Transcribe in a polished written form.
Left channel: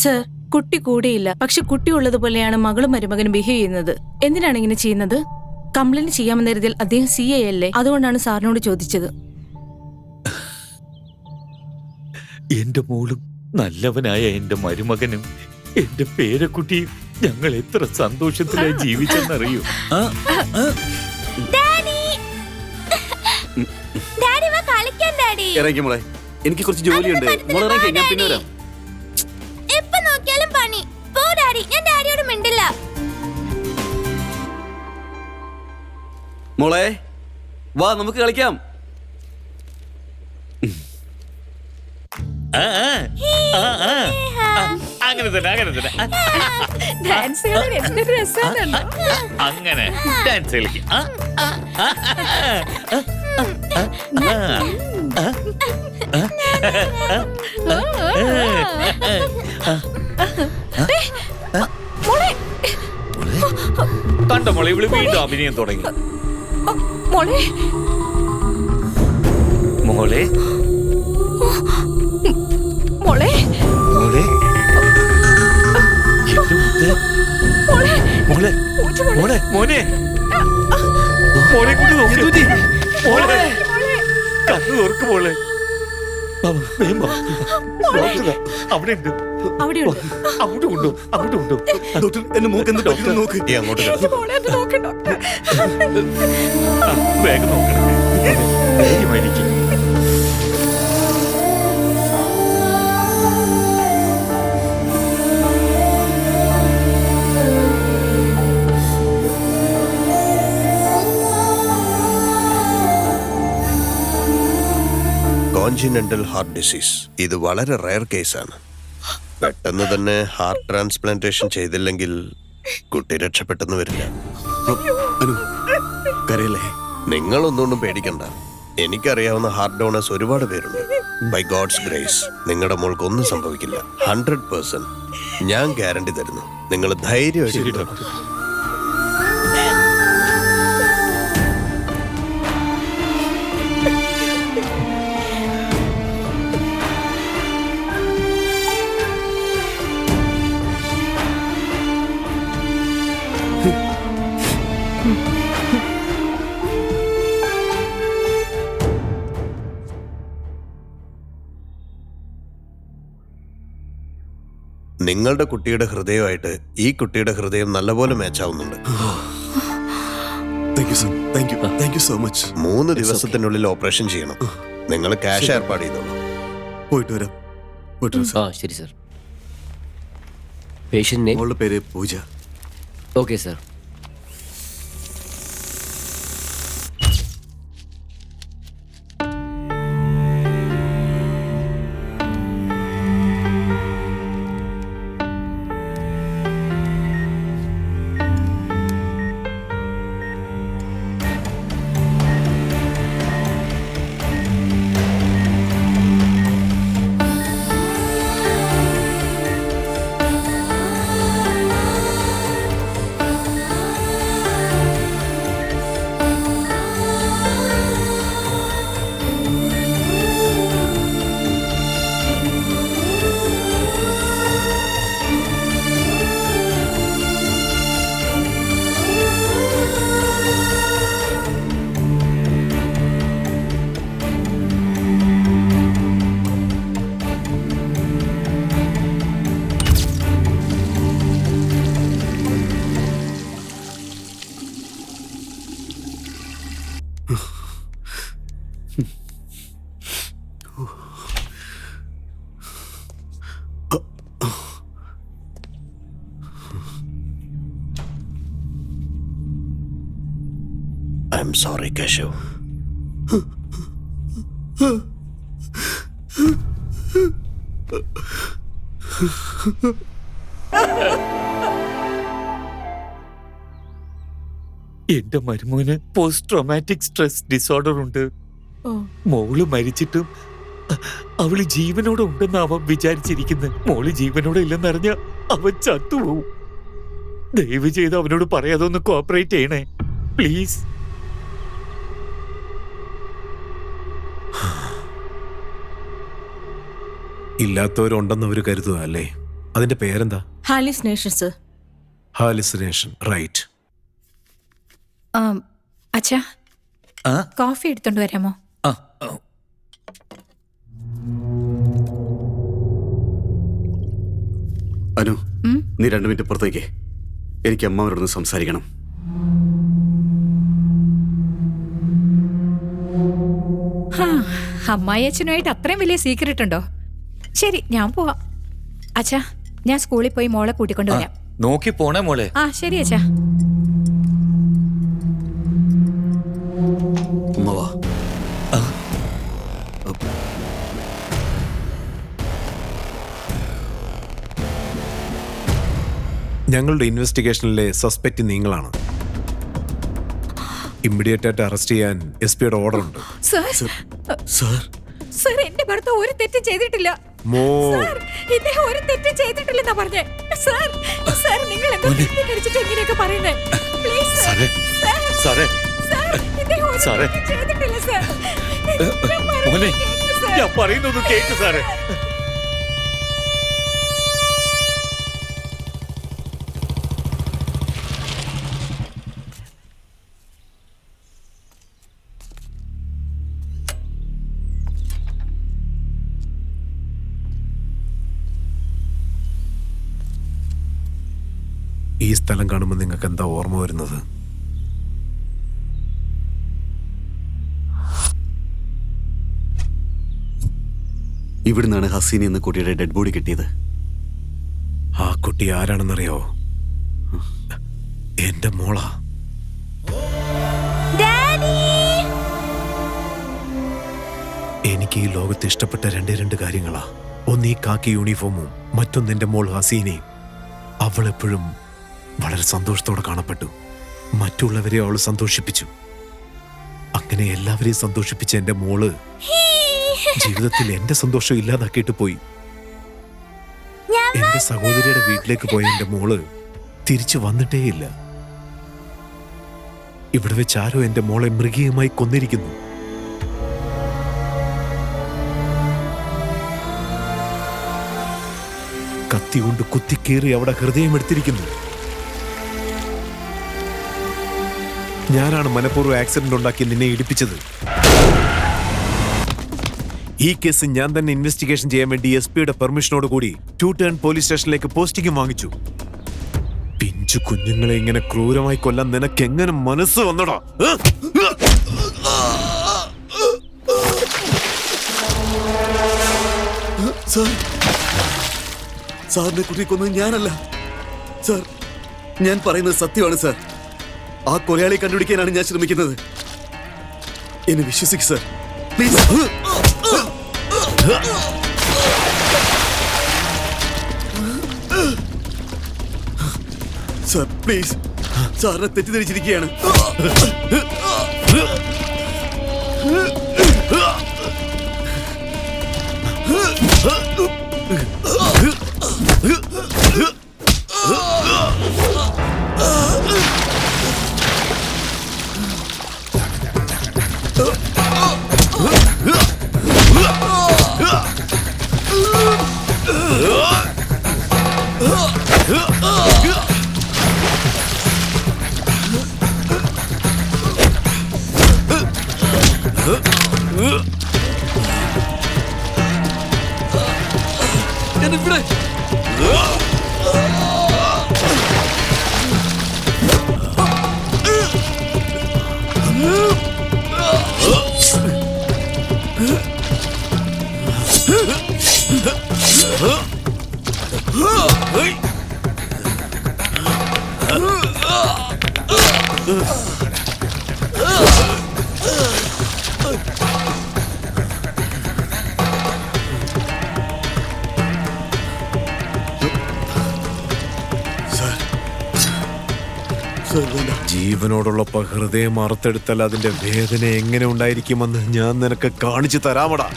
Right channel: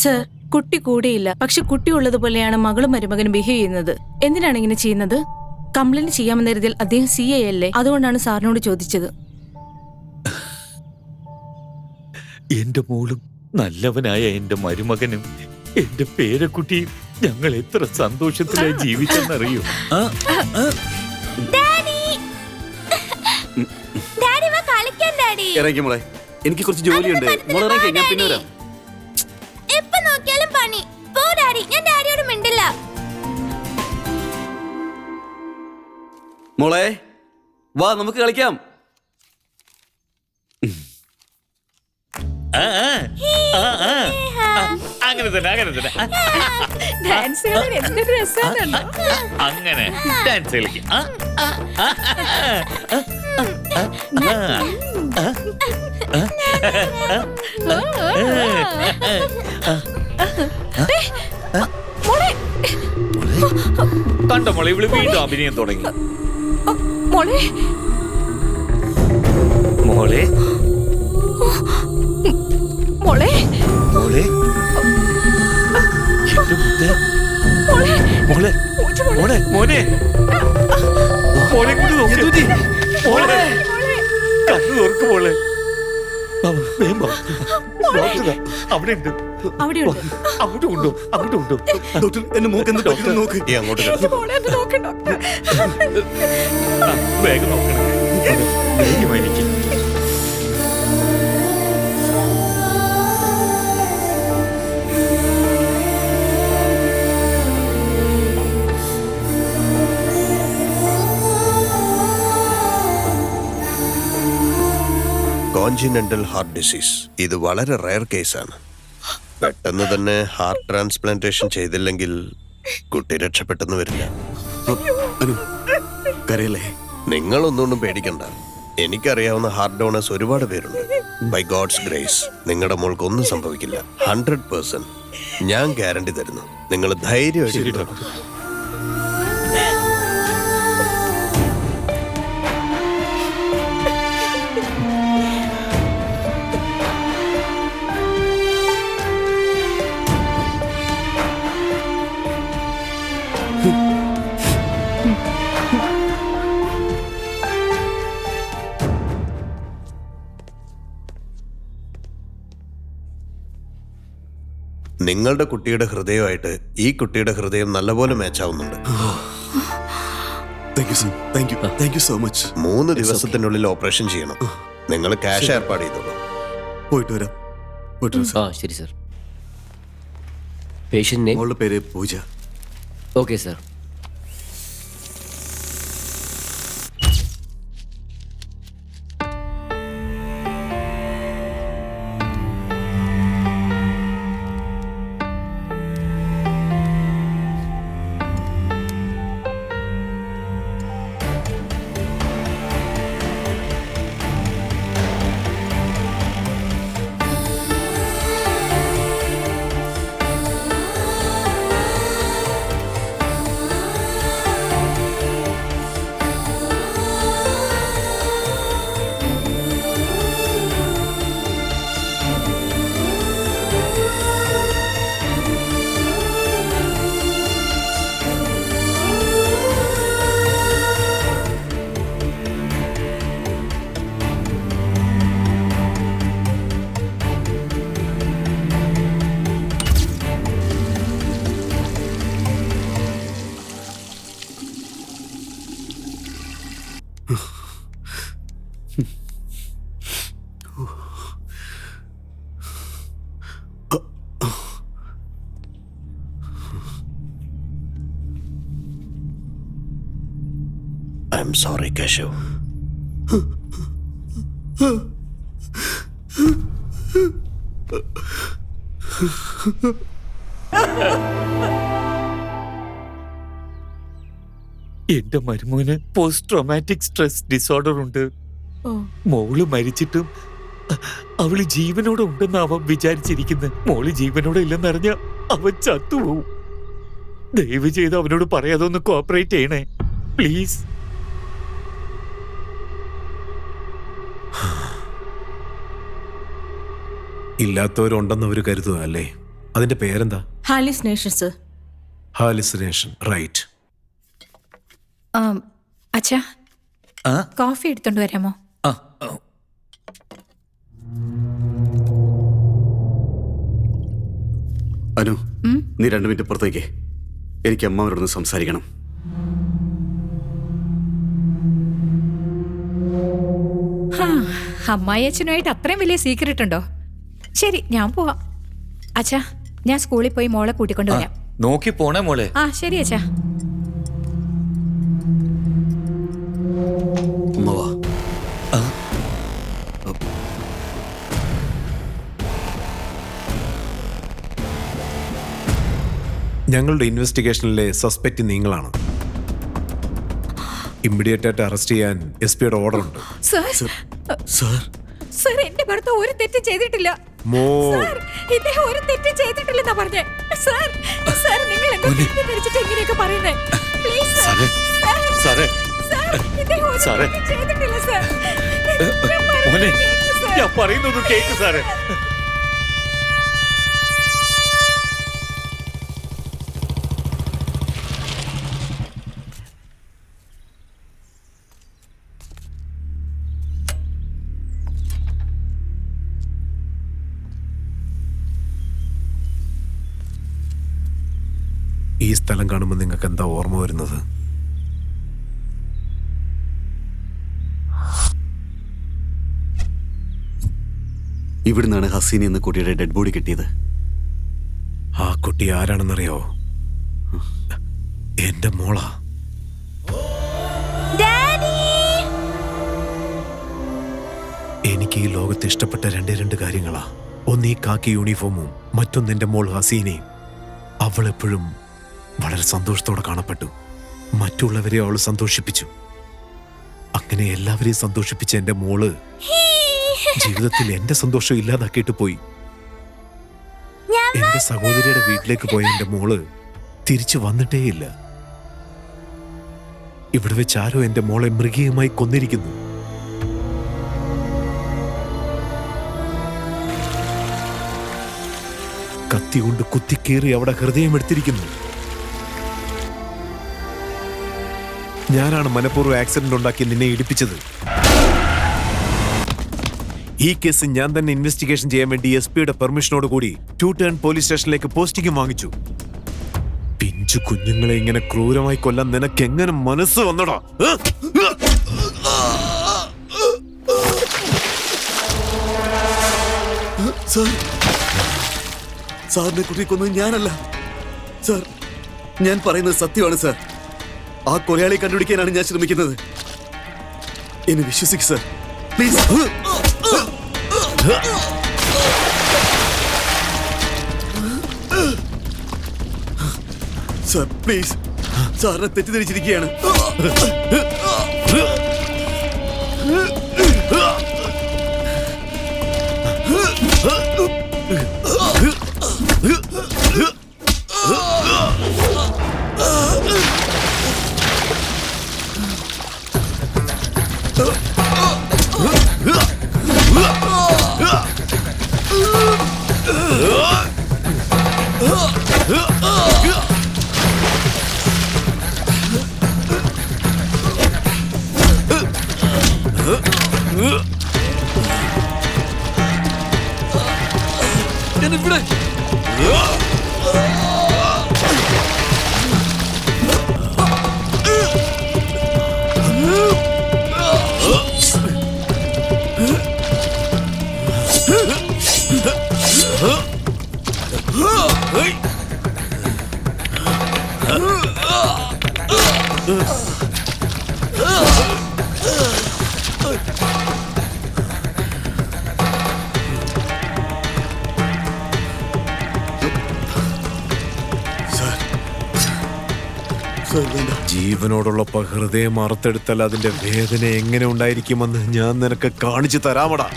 Sir, കുട്ടി കൂടെയില്ല. പക്ഷെ കുട്ടി ഉള്ളതുപോലെയാണ് മകളും മരുമകനും ബിഹേവ് ചെയ്യുന്നത്. എന്തിനാണ് ഇങ്ങനെ ചെയ്യുന്നത്? കംപ്ലൈന്റ് ചെയ്യാമെന്ന കരുതിയിൽ അദ്ദേഹം CA അല്ലേ? അതുകൊണ്ടാണ് സാറിനോട് ചോദിച്ചത്. എന്റെ മോളും നല്ലവനായ എന്റെ മരുമകനും എന്റെ പേരക്കുട്ടിയും ഞങ്ങൾ എത്ര സന്തോഷത്തിലായി ജീവിച്ചെന്നറിയോ? ഇറങ്ങി മോളെ, എനിക്ക് കുറച്ച് ജോലിയുണ്ട്. മോളെ ഇറങ്ങി, ഞാൻ പിന്നെ വരാം. എപ്പോ നോക്കിയാലും പണി. പോ ഡാഡി, ഞാൻ ഡാഡിയോട് മിണ്ടില്ല. മോളെ വാ, നമുക്ക് കളിക്കാം. അങ്ങനെ തന്നെ ഡാൻസ് ചെയ്യാൻ എന്തൊരു രസമാണ്. അങ്ങനെ ഡാൻസ് കളിക്കാം. കണ്ടോ മോളെ, ഇവള് വീണ്ടും അഭിനയം തുടങ്ങി. മോളെ മോളെ മോളെ മോളെ മോളെ മോളെ മോനെ മോളെ കൊണ്ട് നോക്കി. മോളെ കണ്ണു തുറക്ക് മോളെ. അവിടെ ഉണ്ട്, അങ്ങോട്ട് കൊണ്ടോ, അങ്ങോട്ട് കൊണ്ടോ. ഡോക്ടർ, എന്റെ മൂക്ക് എന്ത് ഡോക്ടർ നോക്ക്. അങ്ങോട്ട് വേഗം നോക്കണം, ധൈര്യമായിരിക്കും. കോൺജിനന്റൽ ഹാർട്ട് ഡിസീസ്. ഇത് വളരെ റയർ കേസാണ്. പെട്ടെന്ന് തന്നെ ഹാർട്ട് ട്രാൻസ്പ്ലാന്റേഷൻ ചെയ്തില്ലെങ്കിൽ കുട്ടി രക്ഷപ്പെട്ടെന്ന് വരില്ല. അനു, കരയല്ലേ? നിങ്ങളൊന്നുകൊണ്ടും പേടിക്കണ്ട. എനിക്കറിയാവുന്ന ഹാർട്ട് ഡോണേഴ്സ് ഒരുപാട് പേരുണ്ട്. ബൈ ഗോഡ്സ് ഗ്രേസ് നിങ്ങളുടെ മോൾക്ക് ഒന്നും സംഭവിക്കില്ല. 100% ഞാൻ ഗ്യാരണ്ടി തരുന്നു. നിങ്ങൾ ധൈര്യമായിട്ട്. നിങ്ങളുടെ കുട്ടിയുടെ ഹൃദയമായിട്ട് ഈ കുട്ടിയുടെ ഹൃദയം നല്ലപോലെ മാച്ച് ആവുന്നുണ്ട്. Thank you so much. 3 ദിവസത്തിനുള്ളിൽ ഓപ്പറേഷൻ ചെയ്യണം. നിങ്ങൾ ക്യാഷ് ഏർപ്പാട് ചെയ്തോളൂ. പോയിട്ട് വരാം. ശരി സർ. Patient name? മോളുടെ പേര് Pooja. Okay sir. I'm sorry, Keshav. എന്റെ മരുമോന് പോസ്റ്റ് ട്രോമാറ്റിക് സ്ട്രെസ് ഡിസോർഡർ ഉണ്ട്. മോള് മരിച്ചിട്ടും അവള് ജീവനോടെ ഉണ്ടെന്ന് അവൻ വിചാരിച്ചിരിക്കുന്നത്. മോള് ജീവനോടെ ഇല്ലെന്നറിഞ്ഞ അവൻ ചത്തുപോവും. ദയവ് ചെയ്ത് അവനോട് പറയാതെ ഒന്ന് കോപ്പറേറ്റ് ചെയ്യണേ പ്ലീസ്. ഇല്ലാത്തവരുണ്ടെന്ന് അവർ കരുതുക അല്ലേ? അതിന്റെ പേരെന്താ? ഹാലിസിനേഷൻസ്. ഹാലിസിനേഷൻ, റൈറ്റ്. അച്ഛാ, ആ? കോഫി എടുത്തോണ്ട് വരാമോ? ആ, ആ. അനു, നീ 2 മിനിറ്റ് പുറത്തേക്ക്. എനിക്ക് അമ്മാവരോടൊന്ന് സംസാരിക്കണം. അമ്മായി അച്ഛനുമായിട്ട് അത്രയും വലിയ സീക്രട്ട് ഉണ്ടോ? ശരി, ഞാൻ പോവാം. അച്ഛാ, ഞാൻ സ്കൂളിൽ പോയി മോളെ കൂട്ടിക്കൊണ്ടുവരാം. നോക്കി പോണേ മോളെ. ആ ശരി അച്ഛാ. അമ്മാവാ, ഞങ്ങളുടെ ഇൻവെസ്റ്റിഗേഷനിലെ സസ്പെക്ട് നിങ്ങളാണ്. ഇമ്മീഡിയറ്റ് ആയിട്ട് അറസ്റ്റ് ചെയ്യാൻ SP-യുടെ ഓർഡർ ഉണ്ട്. സർ, സാർ, സർ, എന്റെ ഭർത്താവ് ഒരു തെറ്റും ചെയ്തിട്ടില്ല. സർ, ഇദ്ദേഹം ഒരു തെറ്റും ചെയ്തിട്ടില്ലെന്നാ പറഞ്ഞേ. സർ, സർ, നിങ്ങൾ എന്താ തെറ്റിദ്ധരിച്ചിട്ട് ഇങ്ങനെയൊക്കെ പറയുന്നേ? Please sir. സാറേ, സർ, ഇദ്ദേഹം ഒരു സാറേ. തെറ്റും ചെയ്തിട്ടില്ല സർ. മോനെ, കേൾക്ക് സർ. ഞാൻ പറയുന്നൊന്ന് കേക്ക് സാറേ. ഈ സ്ഥലം കാണുമ്പോൾ നിങ്ങൾക്ക് എന്താ ഓർമ്മ വരുന്നത്? ഇവിടുന്നാണ് ഹസീന എന്ന കുട്ടിയുടെ ഡെഡ് ബോഡി കിട്ടിയത്. ആ കുട്ടി ആരാണെന്നറിയോ? എന്റെ മോളാ. എനിക്ക് ഈ ലോകത്ത് ഇഷ്ടപ്പെട്ട രണ്ട് കാര്യങ്ങളാ. ഒന്ന് ഈ കാക്കി യൂണിഫോമും, മറ്റൊന്ന് എന്റെ മോൾ ഹസീനയും. അവളെപ്പോഴും വളരെ സന്തോഷത്തോടെ കാണപ്പെട്ടു. മറ്റുള്ളവരെ അവൾ സന്തോഷിപ്പിച്ചു. അങ്ങനെ എല്ലാവരെയും സന്തോഷിപ്പിച്ച എന്റെ മോള് ജീവിതത്തിൽ എന്റെ സന്തോഷം ഇല്ലാതാക്കിയിട്ട് പോയി. എന്റെ സഹോദരിയുടെ വീട്ടിലേക്ക് പോയ എന്റെ മോള് തിരിച്ചു വന്നിട്ടേയില്ല. ഇവിടെ വെച്ച് ആരോ എന്റെ മോളെ മൃഗീയമായി കൊന്നിരിക്കുന്നു. കത്തി കൊണ്ട് കുത്തിക്കേറി അവിടെ ഹൃദയം എടുത്തിരിക്കുന്നു. ഞാനാണ് മനഃപൂർവ്വം ആക്സിഡന്റ് ഉണ്ടാക്കി നിന്നെ ഇടിപ്പിച്ചത്. ഈ കേസ് ഞാൻ തന്നെ ഇൻവെസ്റ്റിഗേഷൻ ചെയ്യാൻ വേണ്ടി SP-യുടെ പെർമിഷനോട് കൂടി 2 ടേൺ പോലീസ് സ്റ്റേഷനിലേക്ക് പോസ്റ്റിംഗും വാങ്ങിച്ചു. പിഞ്ചു കുഞ്ഞുങ്ങളെ ഇങ്ങനെ ക്രൂരമായി കൊല്ലാൻ നിനക്ക് എങ്ങനെ മനസ്സ് വന്നടാ? സാർ, സാറിനെ കുട്ടി കൊന്നത് ഞാനല്ല സാർ. ഞാൻ പറയുന്നത് സത്യമാണ് സാർ. ആ കൊലയാളി കണ്ടുപിടിക്കാനാണ് ഞാൻ ശ്രമിക്കുന്നത്. എന്നെ വിശ്വസിക്ക് സാർ, പ്ലീസ്. Sir, please. സാറിനെ തെറ്റിദ്ധരിച്ചിരിക്കുകയാണ്. ജീവനോടുള്ളപ്പോ ഹൃദയം അറുത്തെടുത്താൽ അതിന്റെ വേദന എങ്ങനെ ഉണ്ടായിരിക്കുമെന്ന് ഞാൻ നിനക്ക് കാണിച്ചു തരാമടാ.